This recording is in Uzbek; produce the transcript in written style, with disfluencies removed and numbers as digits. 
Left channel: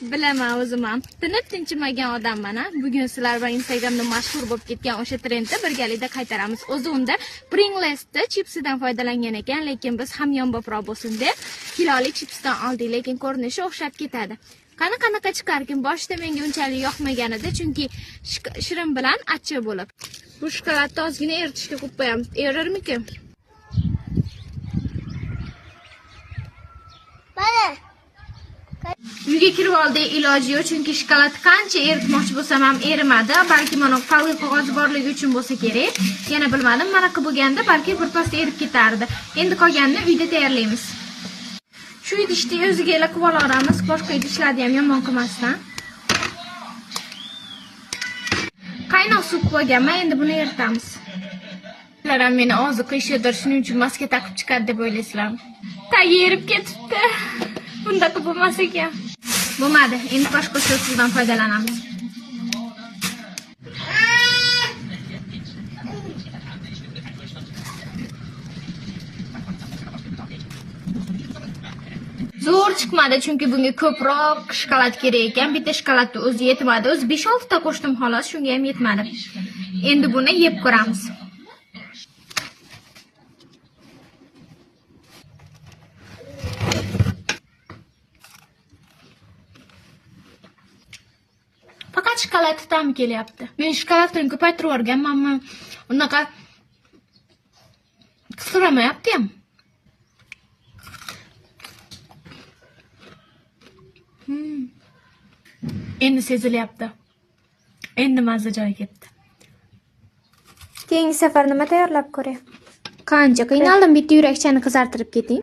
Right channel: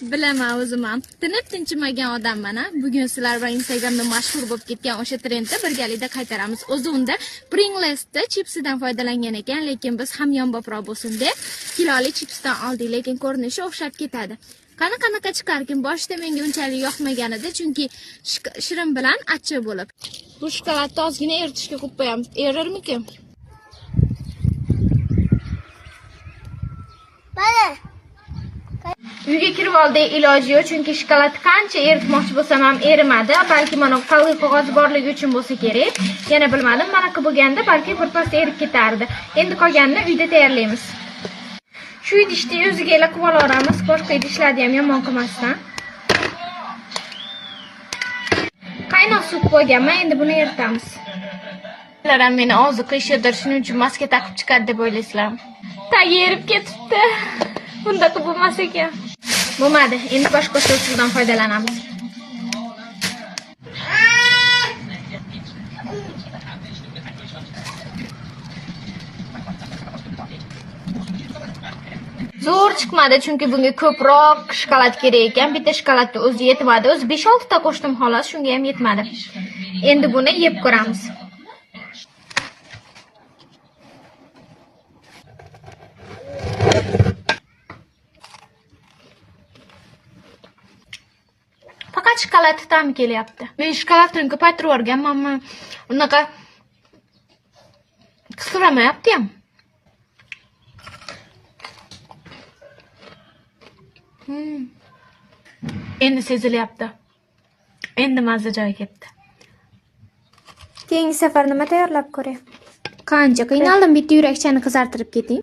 Bilaman, o'zim ham tinib tinchimagan odamman. Bugun sizlar bilan Instagramda mashhur bo'lib ketgan o'sha trendni birgalikda qaytaramiz. O'zi unda Pringles'da chipsidan foydalangan ekan, lekin biz hamyonboproq bo'lsin deb kiloli chipsdan oldik, lekin ko'rinishi o'xshab ketadi. Qanaqa chiqarkin, boshida menga unchalik yoqmagan edi, chunki shirin bilan achchiq bo'lib. Bu shokoladni ozgina eritishga qo'yib qo'yamiz. Erirmikin? Uyga kirib oldik, iloji yo'q, chunki shokolad qancha eritmoqchi bo'lsam ham erimadi. Balki mana qalin qog'oz borligi uchun bo'lsa kerak. Yana bilmadim, manaqa bo'lganda balki birpasda erib ketardi. Endi qolganini uyda tayyorlaymiz. Shu idishni o'ziga qilib olamiz, boshqa idishlarni ham yomon qilmasdan. Qaynoq suv qo'yganman, endi buni eritamiz. Sizlar ham meni oziq qilishdir, shuning uchun maska taqib chiqadi deb o'ylaysizlar. Tagi erib ketibdi. Bundaqa bo'lmas ekan. Bo'lmadi, endi boshqa so'zdan foydalanamiz. Zo'r chiqmadi, chunki bunga ko'proq shokolad kerak ekan. Bitta shokoladni o'zi yetmadi. O'zi 5-6 ta qo'shdim xolos, shunga ham yetmadi. Endi buni yeb ko'ramiz. Faqat shokolad ta'mi kelyapti. Men shokoladni ko'paytirib yuborganman. Unaqa qisqaramayapti ham. Endi sezilyapti. Endi mazza joyiga ketdi. Keyingi safar nima tayyorlab ko'ray? Qancha qiynaldim, bitta yurakchani qizartirib keting.